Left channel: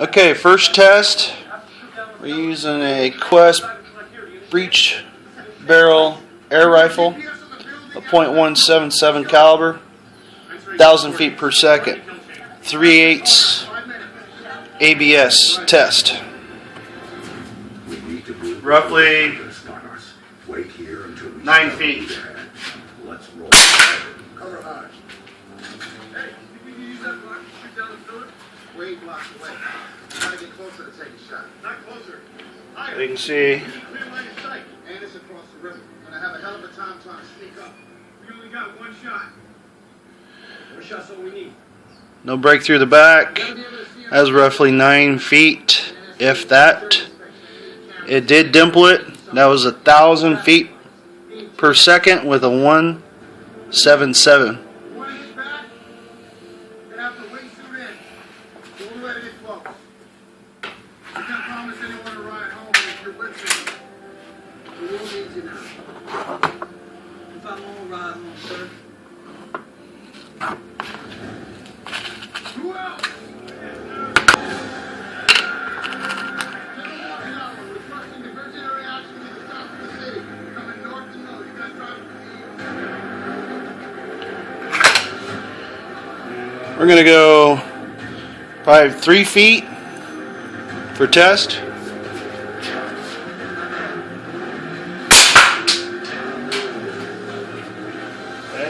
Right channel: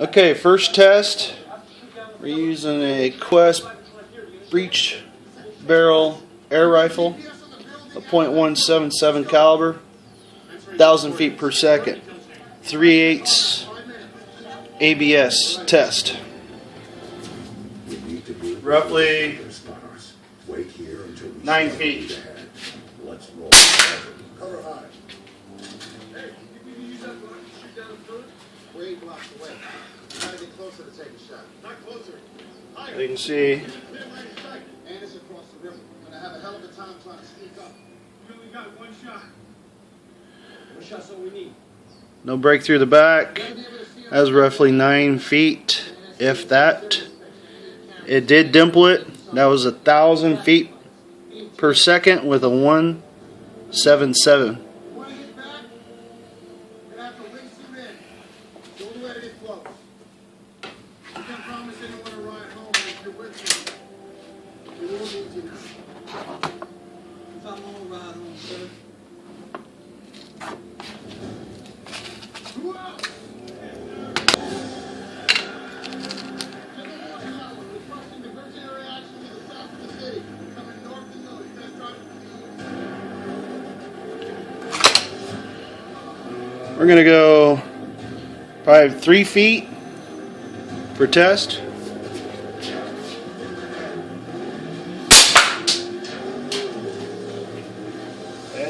Okay, first test. We're using a Quest breech barrel air rifle, a .177 caliber, 1,000 feet per second, 3/8 ABS test. Roughly 9 feet. Let's roll. Cover high. Hey, you can use that block to shoot down the foot? Way blocks away. Try to get closer to take a shot. Not closer. Higher. You can see. Clear line of sight. And it's across the river. Gonna have a hell of a time trying to sneak up. We only got one shot. One shot's all we need. No break through the back. That's roughly 9 feet, if that. It did dimple it. That was 1,000 feet per second with a 177. We're going to go probably 3 feet for test.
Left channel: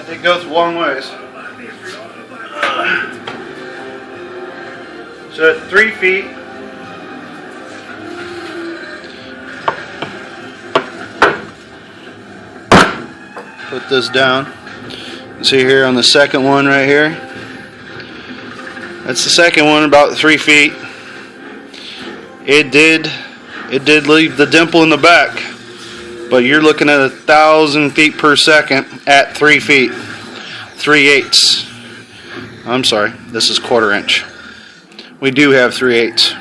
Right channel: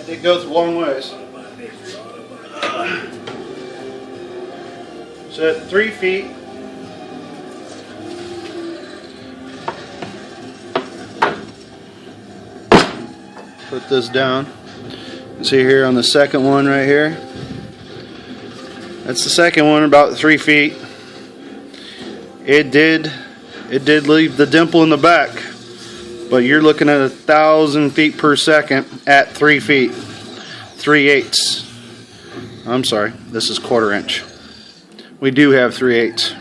They go through long ways. So at 3 feet, put this down. You see here on the second one right here. That's the second one, about 3 feet. It did leave the dimple in the back, but you're looking at 1,000 feet per second at 3 feet, 3/8. I'm sorry, this is 1/4 inch. We do have 3/8.